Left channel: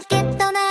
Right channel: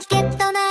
チケットな